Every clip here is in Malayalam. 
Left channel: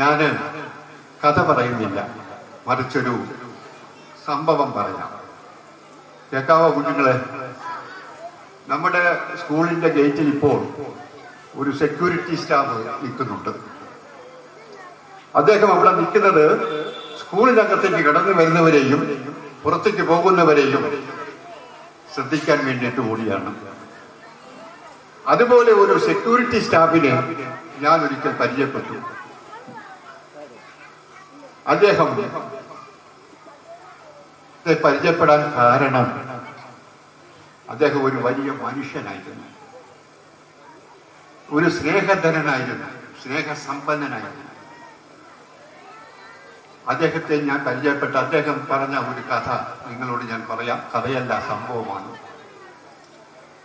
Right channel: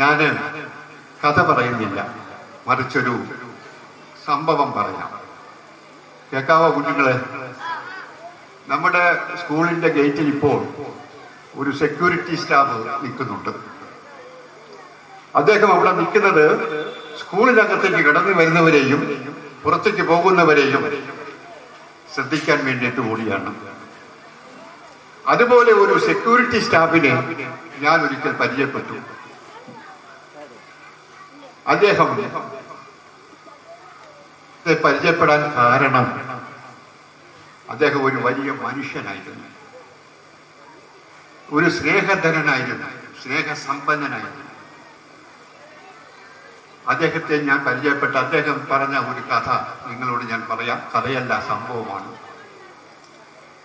ഞാൻ കഥ പറയുന്നില്ല, മറിച്ചൊരു സംഭവം പറയാം. കേൾക്കാവോ കുഞ്ഞുങ്ങളെ? നമ്മുടെ സ്കൂളിന്റെ ഗേറ്റിൽ ഇപ്പോൾ ഒരു സെക്യൂരിറ്റി സ്റ്റാഫ് നിൽക്കുന്നുണ്ട്. അദ്ദേഹം അവിടെ നിൽക്കുന്നത് സ്കൂളിനകത്തേക്ക് കടന്നു വരുന്നവരെയും പുറത്തേക്ക് പോകുന്നവരെയും ശ്രദ്ധിക്കാൻ വേണ്ടിയിട്ട് കൂടിയാണ്. അതുപോലെ ഒരു സെക്യൂരിറ്റി സ്റ്റാഫിനെ ഞാൻ ഒരിക്കൽ പരിചയപ്പെട്ടു. അദ്ദേഹം പരിചയപ്പെടാൻ കാരണം അദ്ദേഹം ഒരു വലിയ മനുഷ്യനായിരുന്നു, ഒരു സ്നേഹധനനായിരുന്നു, സ്നേഹസമ്പന്നനായിരുന്നു. അദ്ദേഹത്തെ ഞാൻ പരിചയപ്പെട്ട അദ്ദേഹം പറഞ്ഞ ഒരു കഥ നിങ്ങളോട് ഞാൻ പറയാം. കഥയല്ല, സംഭവമാണ്.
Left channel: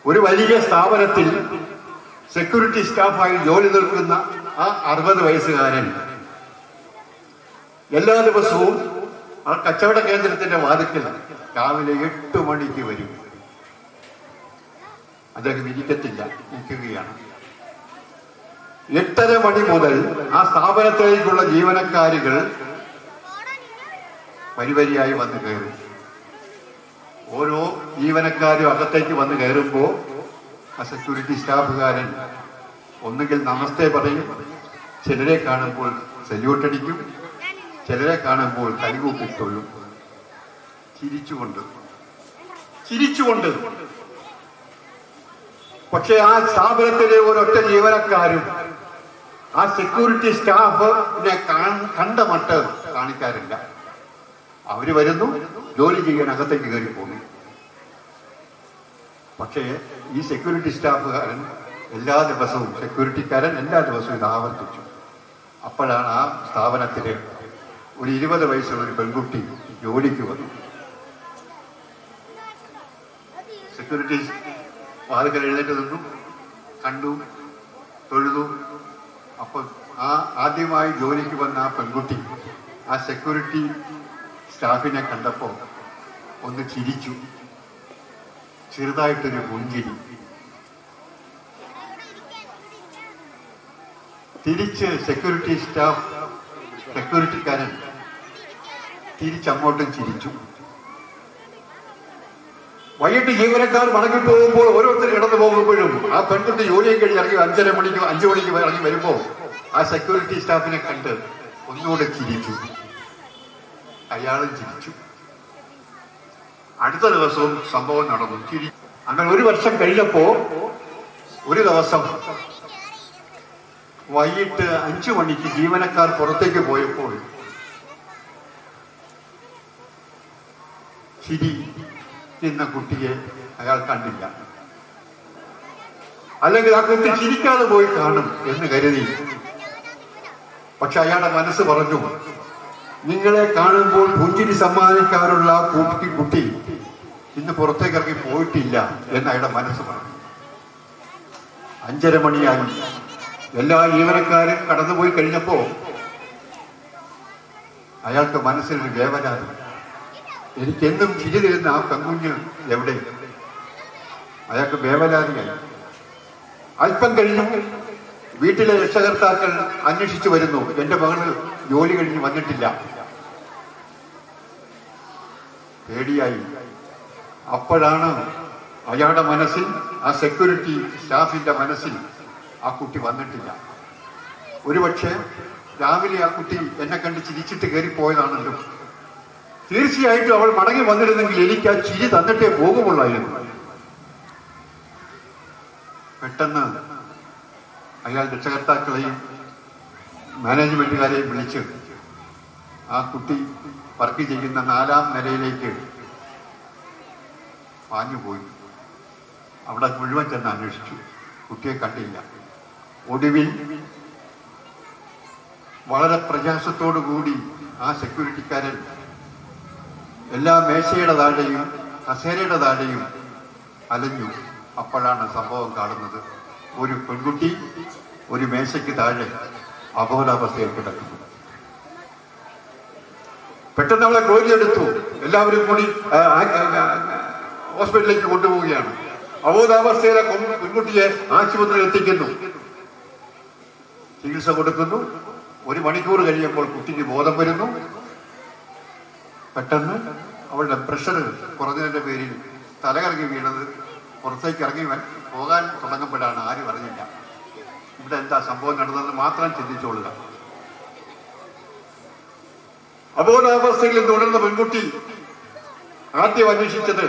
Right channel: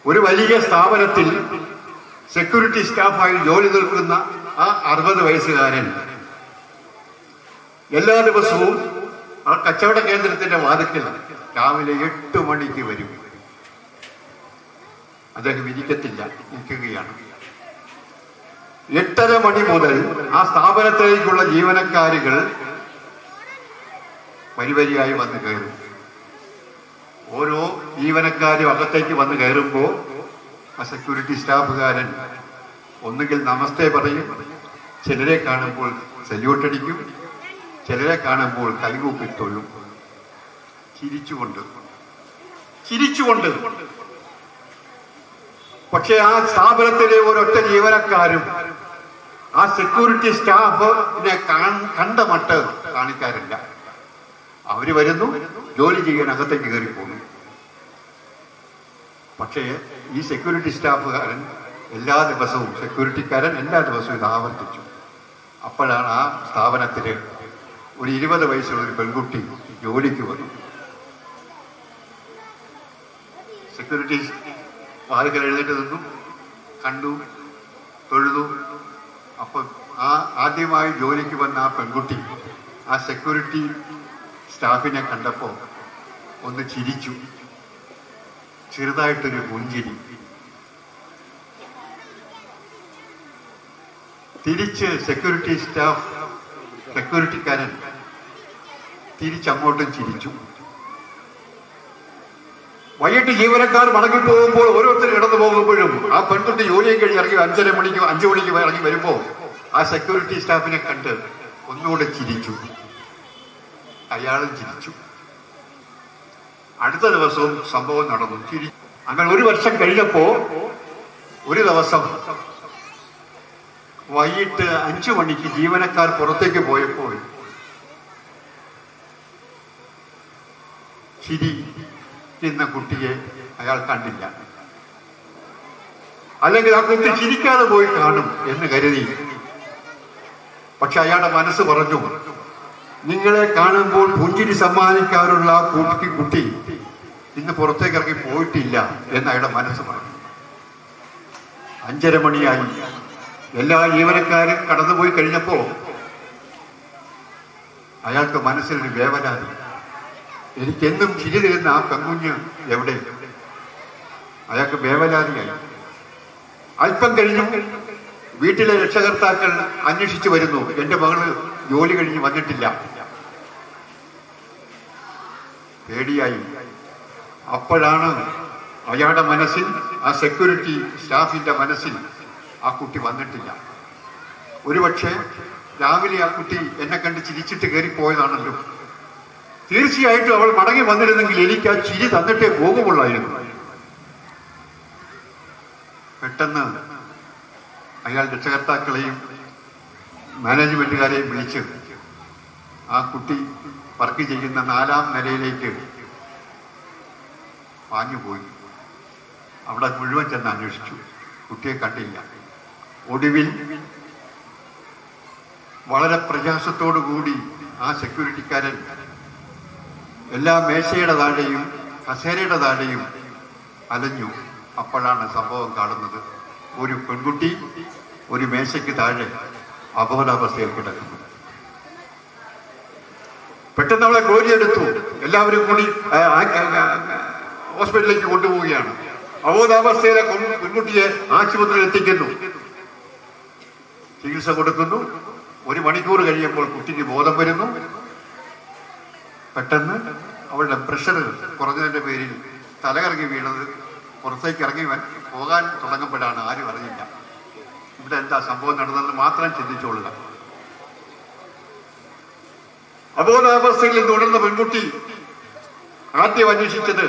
ഒരു വലിയ സ്ഥാപനത്തിൽ സെക്യൂരിറ്റി സ്റ്റാഫായി ജോലി നിൽക്കുന്ന ആ 60 വയസ്സുകാരൻ എല്ലാ ദിവസവും ആ കച്ചവട കേന്ദ്രത്തിന്റെ വാതിക്കൽ രാവിലെ 8 മണിക്ക് വരും. അദ്ദേഹം ഇരിക്കത്തില്ല, നിൽക്കുകയാണ്. 8:30 മണി മുതൽ ആ സ്ഥാപനത്തിലേക്കുള്ള ജീവനക്കാരുകൾ വരിവരിയായി വന്ന് കയറും. ഓരോ ജീവനക്കാരും അകത്തേക്ക് വന്ന് കയറുമ്പോൾ ആ സെക്യൂരിറ്റി സ്റ്റാഫുകാരൻ ഒന്നുകിൽ നമസ്തേ പറയും, ചിലരെ കാണുമ്പോൾ സല്യൂട്ടടിക്കും, ചിലരെ കാണുമ്പോൾ കൈകൂപ്പിക്കൊള്ളും, ചിരിച്ചുകൊണ്ട്. പക്ഷെ ആ സ്ഥാപനത്തിലെ ഒരൊറ്റ ജീവനക്കാരും ആ സെക്യൂരിറ്റി സ്റ്റാഫിനെ കണ്ട മട്ട് കാണിക്കാറില്ല. അവര് വരുന്നു, ജോലി ചെയ്യാൻ അകത്തേക്ക് കയറി പോകുന്നു. പക്ഷേ ഈ സെക്യൂരിറ്റി സ്റ്റാഫുകാരൻ എല്ലാ ദിവസവും ഇത് ആവർത്തിച്ചു. അപ്പോഴാണ് ആ സ്ഥാപനത്തില് ഒരു 20 വയസ്സുള്ള ഒരു പെൺകുട്ടി ജോലിക്ക് വന്നു. സെക്യൂരിറ്റി വാതിക്കൽ എഴുന്നേറ്റ് നിന്നു, കണ്ടു, തൊഴുതു. അപ്പൊ ആദ്യമായി ജോലിക്ക് വന്ന ആ പെൺകുട്ടി ആ സെക്യൂരിറ്റി സ്റ്റാഫിനെ കണ്ടപ്പോ ഒന്ന് ചിരിച്ചു, ചെറുതായിട്ടൊരു പുഞ്ചിരി. തിരിച്ച് സെക്യൂരിറ്റിക്കാരൻ തിരിച്ചങ്ങോട്ടും ചിരിച്ചു. വൈകിട്ട് ജീവനക്കാർ മടങ്ങി പോകുമ്പോൾ ഓരോരുത്തർ കിടന്നു പോകുമ്പോഴും ആ പെൺകുട്ടി ജോലിയും കഴിഞ്ഞ് ഇറങ്ങി 5 മണിക്ക് ഇറങ്ങി വരുമ്പോ ആ സെക്യൂരിറ്റി സ്റ്റാഫിനെ കണ്ട് ഒന്നുകൂടെ ചിരിച്ചു. അയാളും ചിരിച്ചു. അടുത്ത ദിവസവും സംഭവം നടന്നു. അങ്ങനെ 1 വർഷം കഴിഞ്ഞപ്പോ ഒരു ദിവസം വൈകിട്ട് 5 മണിക്ക് ജീവനക്കാർ പുറത്തേക്ക് പോയപ്പോൾ ചിരി നിന്ന കുട്ടിയെ അയാൾ കണ്ടില്ല. അല്ലെങ്കിൽ ആ കുട്ടി ചിരിക്കാതെ പോയി കാണും എന്ന് കരുതി. പക്ഷെ അയാളുടെ മനസ്സ് പറഞ്ഞു, നിങ്ങളെ കാണുമ്പോൾ പുഞ്ചിരി സമ്മാനിക്കാനുള്ള ആ കുട്ടി ഇന്ന് പുറത്തേക്ക് ഇറങ്ങി പോയിട്ടില്ല എന്ന് അയാളുടെ മനസ്സ് പറഞ്ഞു. 5:30 മണിയായി. എല്ലാ ജീവനക്കാരും കടന്നുപോയി കഴിഞ്ഞപ്പോ അയാൾക്ക് മനസ്സിൽ ഒരു വേവലാതി. എനിക്കെന്നും ചിരി തരുന്ന ആ പെൺകുഞ്ഞ് എവിടെ? അയാൾക്ക് വേവലാതിയായി. അല്പം കഴിഞ്ഞു വീട്ടിലെ രക്ഷകർത്താക്കൾ അന്വേഷിച്ചു വരുന്നു, എന്റെ മകള് ജോലി കഴിഞ്ഞ് വന്നിട്ടില്ല. പേടിയായി. അപ്പോഴാണ് അയാളുടെ മനസ്സിൽ, ആ സെക്യൂരിറ്റി സ്റ്റാഫിന്റെ മനസ്സിൽ, ആ കുട്ടി വന്നിട്ടില്ല. ഒരുപക്ഷെ രാവിലെ ആ കുട്ടി എന്നെ കണ്ട് ചിരിച്ചിട്ട് കയറിപ്പോയതാണല്ലോ. തീർച്ചയായിട്ടും അവൾ മടങ്ങി വന്നിരുന്നെങ്കിൽ എനിക്ക് ആ ചിരി തന്നിട്ടേ പോകുമുള്ളായിരുന്നു. പെട്ടെന്ന് അയാൾ രക്ഷകർത്താക്കളെയും മാനേജ്മെന്റുകാരെയും വിളിച്ച് ആ കുട്ടി വർക്ക് ചെയ്യുന്ന 4ാം നിലയിലേക്ക് പാഞ്ഞുപോയി. അവിടെ മുഴുവൻ ചെന്ന് അന്വേഷിച്ചു, കുട്ടിയെ കണ്ടില്ല. ഒടുവിൽ വളരെ പ്രയാസത്തോടു കൂടി ആ സെക്യൂരിറ്റിക്കാരൻ എല്ലാ മേശയുടെ താഴെയും കസേരയുടെ താഴെയും അലഞ്ഞു. അപ്പോഴാണ് സംഭവം കാണുന്നത്. ഒരു പെൺകുട്ടി ഒരു മേശയ്ക്ക് താഴെ അബോധാവസ്ഥയിൽ കിടക്കുന്നു. പെട്ടെന്ന് അവളെ കോരിയെടുത്തു. എല്ലാവരും കൂടി ഹോസ്പിറ്റലിലേക്ക് കൊണ്ടുപോവുകയാണ്. അബോധാവസ്ഥയിലെ പെൺകുട്ടിയെ ആശുപത്രിയിൽ എത്തിക്കുന്നു, ചികിത്സ കൊടുക്കുന്നു. 1 മണിക്കൂർ കഴിയുമ്പോൾ കുട്ടിക്ക് ബോധം വരുന്നു. പെട്ടെന്ന് അവളുടെ പ്രഷർ കുറഞ്ഞതിന്റെ പേരിൽ തലകറങ്ങി വീണത് പുറത്തേക്ക് ഇറങ്ങി പോകാൻ തുടങ്ങുമ്പോഴാണ്. ആരും അറിഞ്ഞില്ല ഇവിടെ എന്താ സംഭവം നടന്നത് മാത്രം ചിന്തിച്ചോളുക. അബോധാവസ്ഥയിൽ തുടർന്ന പെൺകുട്ടി ആദ്യം അന്വേഷിച്ചത്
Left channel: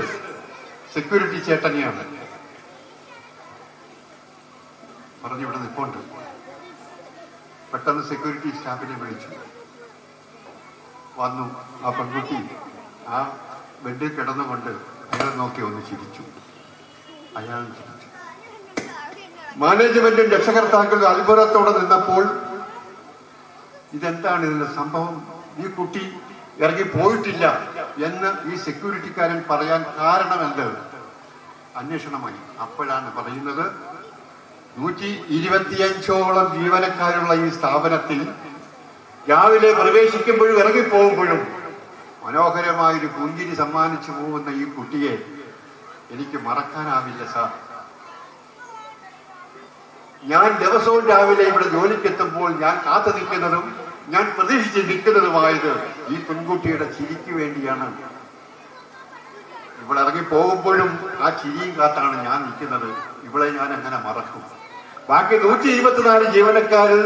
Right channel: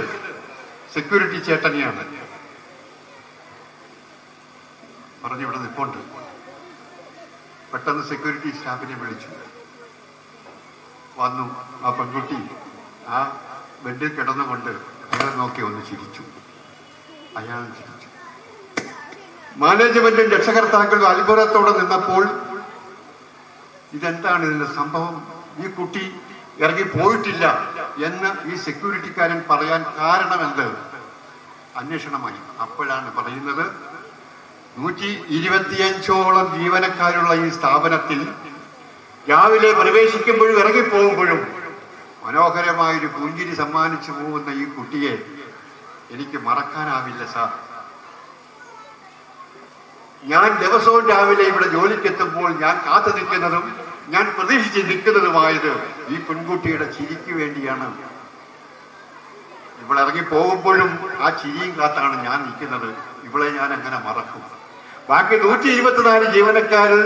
സെക്യൂരിറ്റി ചേട്ടനെയാണ്. പറഞ്ഞിവിടെ നിൽപ്പുണ്ട്. പെട്ടെന്ന് സെക്യൂരിറ്റി സ്റ്റാഫിനെ വിളിച്ചു. വന്നു. ആ പെൺകുട്ടി ആ ബെഡിൽ കിടന്നുകൊണ്ട് അയാളെ നോക്കി ഒന്ന് ചിരിച്ചു. അയാൾ ചിരിച്ചു. മാനേജ്മെന്റും രക്ഷകർത്താക്കളും അത്ഭുതത്തോടെ നിന്നപ്പോൾ ഇതെന്താണ് ഇതിന്റെ സംഭവം, ഈ കുട്ടി ഇറങ്ങി പോയിട്ടില്ല എന്ന് ഈ സെക്യൂരിറ്റിക്കാരൻ പറയാൻ കാരണമെന്ത്? അന്വേഷണമായി. അപ്പോഴാണ് പറയുന്നത് 125ഓളം ജീവനക്കാരുള്ള ഈ സ്ഥാപനത്തിൽ രാവിലെ പ്രവേശിക്കുമ്പോഴും ഇറങ്ങിപ്പോകുമ്പോഴും മനോഹരമായൊരു പുഞ്ചിരി സമ്മാനിച്ചു പോകുന്ന ഈ കുട്ടിയെ എനിക്ക് മറക്കാനാവില്ല സാർ. ഞാൻ ദിവസവും രാവിലെ ഇവിടെ ജോലിക്കെത്തുമ്പോൾ ഞാൻ കാത്തു നിൽക്കുന്നതും ഞാൻ പ്രതീക്ഷിച്ച് നിൽക്കുന്നതുമായത് ഈ പെൺകുട്ടിയുടെ ചിരിക്ക് വേണ്ടിയാണ്. ഇവിടെ ഇറങ്ങി പോകുമ്പോഴും ആ ചിരിയും കാത്താണ് ഞാൻ നിൽക്കുന്നത്. ഇവളെ ഞാൻ എങ്ങനെ മറക്കും? ബാക്കി 124 ജീവനക്കാരിൽ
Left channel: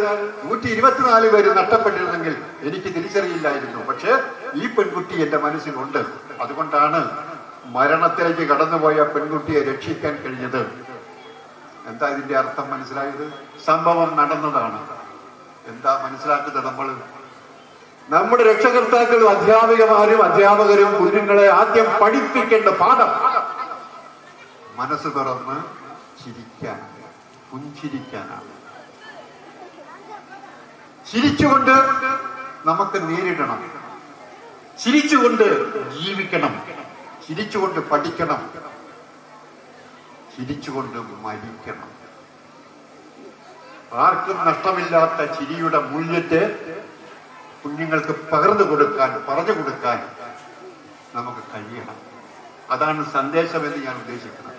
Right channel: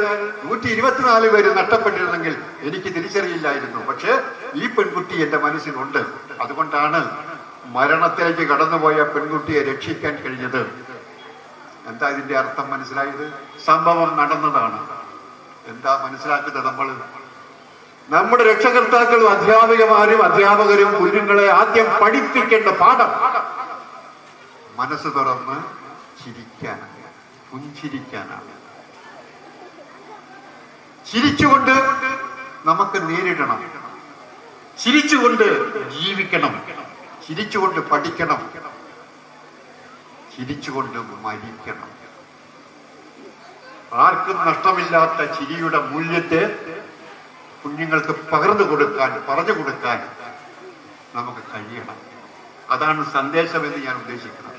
124 പേര് നഷ്ടപ്പെട്ടിരുന്നെങ്കിൽ എനിക്ക് തിരിച്ചറിയില്ലായിരുന്നു. പക്ഷെ ഈ പെൺകുട്ടി എന്റെ മനസ്സിലുണ്ട്. അതുകൊണ്ടാണ് മരണത്തിലേക്ക് കടന്നുപോയ പെൺകുട്ടിയെ രക്ഷിക്കാൻ കഴിഞ്ഞത്. എന്താ ഇതിന്റെ അർത്ഥം മനസ്സിലായത്? സംഭവം നടന്നതാണ്. എന്താ മനസ്സിലാക്കുന്നത്? നമ്മുടെ രക്ഷകർത്താക്കളും അധ്യാപകരും കുഞ്ഞുങ്ങളെ ആദ്യം പഠിപ്പിക്കേണ്ട പാഠം മനസ്സ് തുറന്ന് ചിരിക്കാനാണ്, പുഞ്ചിരിക്കാനാണ്. ചിരിച്ചുകൊണ്ട് നമുക്ക് നേരിടണം, ചിരിച്ചുകൊണ്ട് ജീവിക്കണം, ചിരിച്ചുകൊണ്ട് പഠിക്കണം, ചിരിച്ചുകൊണ്ട് മരിക്കണം. ആർക്കും നഷ്ടമില്ലാത്ത ചിരിയുടെ മൂല്യത്തെ കുഞ്ഞുങ്ങൾക്ക് പറഞ്ഞു കൊടുക്കാൻ നമുക്ക് കഴിയണം. അതാണ് സന്ദേശമെന്ന് ഞാൻ ഉദ്ദേശിക്കുന്നത്.